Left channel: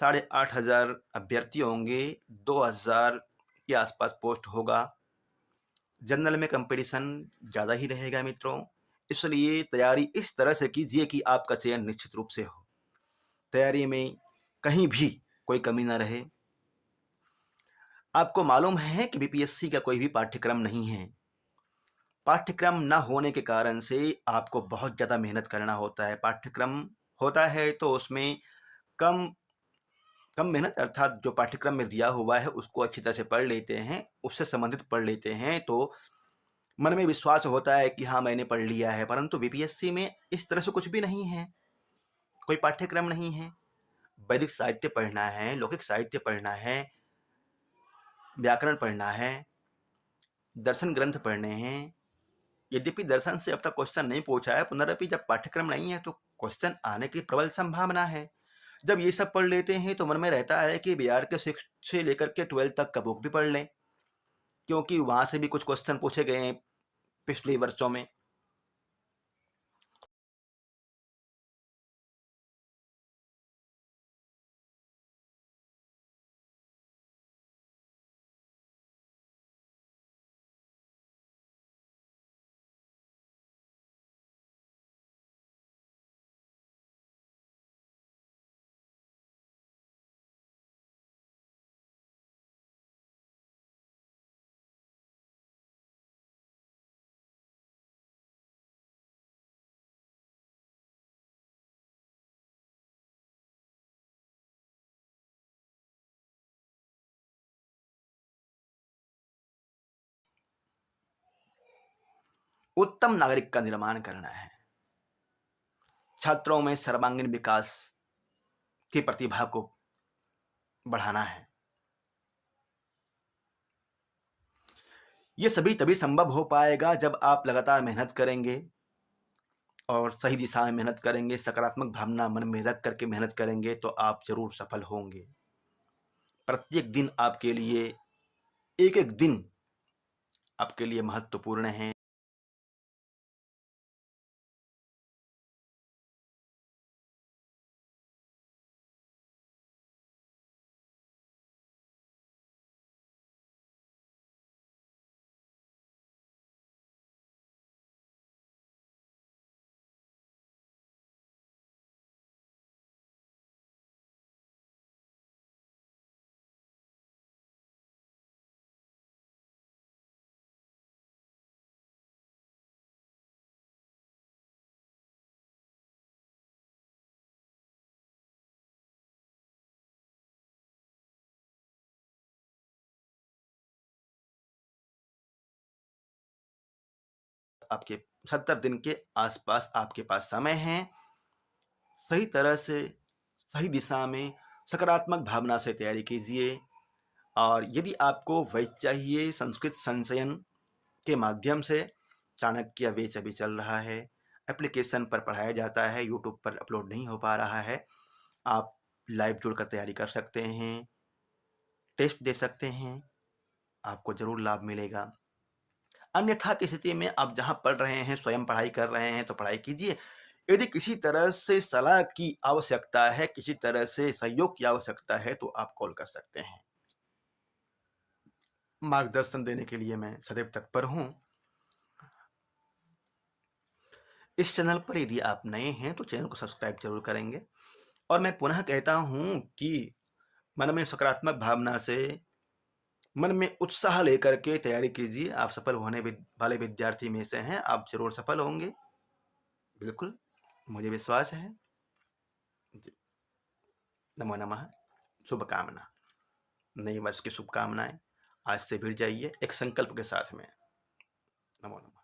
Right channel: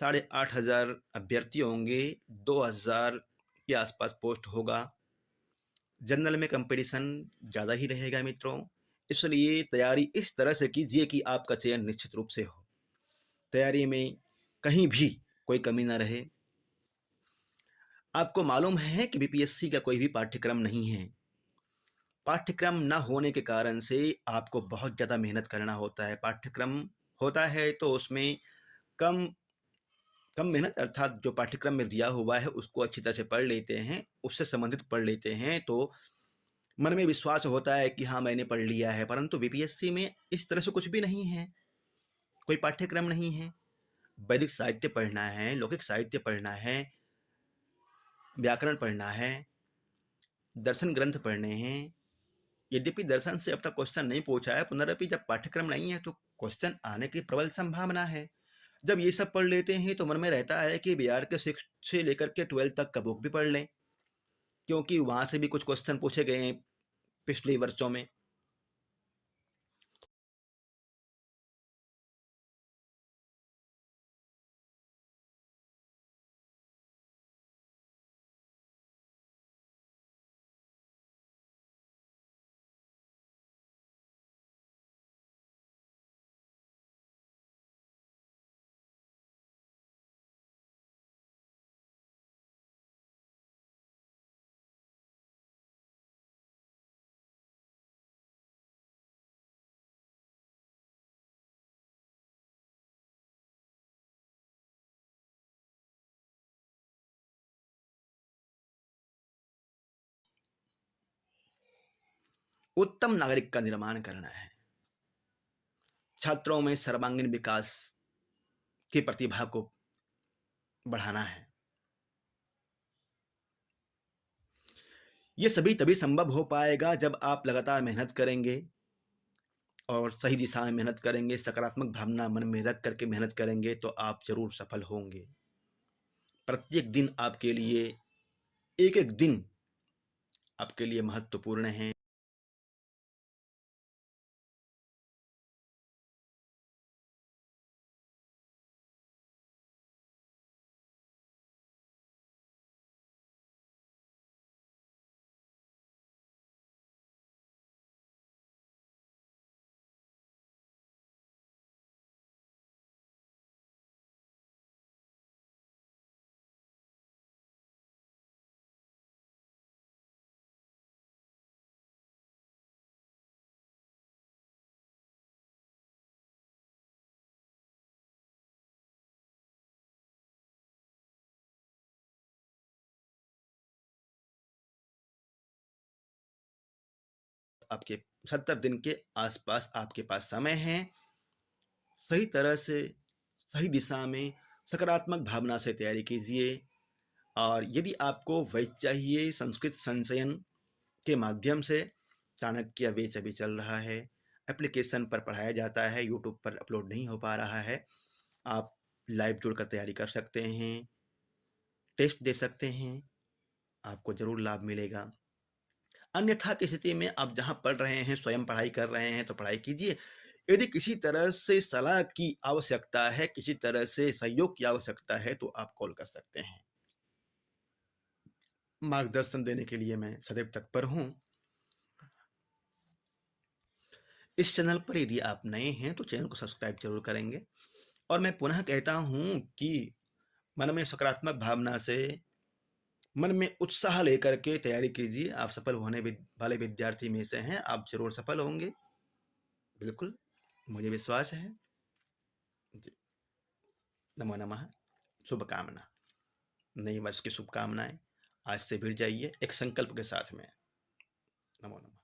8,500 अभ्यर्थी होंगे, 2,000 के आसपास पोस्ट होगा। जनरल में कंपटीशन ज़्यादा ही रहेगा मित्रों, इसलिए तैयारी इस तरह से कीजिए कि आपका चयन निश्चित रूप से हो। तैयारी में कहीं भी कोई कमी ना रहे। आपको मालूम है कि बीपीएससी का कोई भी पाठ्यक्रम नहीं है। पाठ्यक्रम ना होने के कारण से आपको बहुत ज़्यादा मेहनत करना होता है। पाठ्यक्रम होता है तो उसमें कम कम मेहनत, अर्थात जो पाठ्यक्रम में दिया हुआ है उसको अच्छी तरह से पढ़ लेते हैं, उससे संबंधित पढ़ लेते हैं तो मन में विश्वास होता है कि हाँ मैंने पढ़ लिया है। परंतु बीपीएससी में इस तरह से कुछ भी नहीं है, कोई पाठ्यक्रम नहीं है। वैदिक साहित्य पढ़ना है, लौकिक साहित्य पढ़ना है, व्याकरण पढ़ना है, दर्शन ग्रंथ पढ़ने हैं। यद्यपि दर्शन से अब तक क्वेश्चन नहीं पूछा है, पुनरपि जब पाठ्यक्रम नहीं है तो क्वेश्चन आने की प्रबल संभावना है। जब ये सब पढ़ लेते हैं तो मन में रहता है कि बिहार के 6 से लेकर के 12 तक का बुक भी पढ़ लें, क्योंकि वहाँ से भी कुछ क्वेश्चन पूछे गए हैं पिछले वर्षों में। उत्तम नागरिक का निर्माण करना है, छात्रों में सर्वांगीण विकास की प्रतिभा को बढ़ाना है। ये सभी तभी संभव हो पाएगा जब आप लगातार मेहनत करेंगे और सही दिशा में मेहनत करेंगे, सकारात्मक भावना मन में रख करके मेहनत करेंगे तो आप जरूर सफल होंगे। प्रत्येक दिन आपके लिए, एक एक दिन आपके लिए महत्वपूर्ण है। आपके 70 दिन के आसपास आपके पास समय है। सही तरह से, सही दिशा में, सकारात्मक भावना से तैयारी कीजिए। और यदि आपको वैध चाहिए, संस्कृत संचयन के माध्यम से चाणक्य बैच अभी चल रहा है, एप्लीकेशन पर पढ़ाया जाता है, यूट्यूब पर अपलोड नहीं हो पा रहा है। आप लाइव जुड़कर तैयारी कर सकते हैं, टेस्ट दे सकते हैं, आपको ज़रूर लाभ मिलेगा। अन्यथा की स्थिति में आप जहाँ पढ़ रहे हैं, स्वयं पढ़ाई कर रहे हैं तो पढ़ाई कीजिए। यदि किसी तरह से सलाह की आवश्यकता है, किसी तरह से सहयोग की आवश्यकता है तो आप कॉल कर सकते हैं। मार्गदर्शन देने के लिए मैं सदैव तत्पर हूँ। इस चैनल पर यदि आप नए हैं तो चैनल को सब्सक्राइब जरूर करेंगे। और मैं पुनः कहता हूँ कि मन में सकारात्मक भावना से, मन में उत्साह लेकर के तैयारी कीजिए। आप सफल होने वाले विद्यार्थी में से हैं, आप जरूर सफल होंगे, बिल्कुल मुझे विश्वास है। नमो नमः। शुभकामना, नए वर्ष की शुभकामनाएं। आज से भिड़ जाइए एक संकल्प के साथ में। नमो नमः।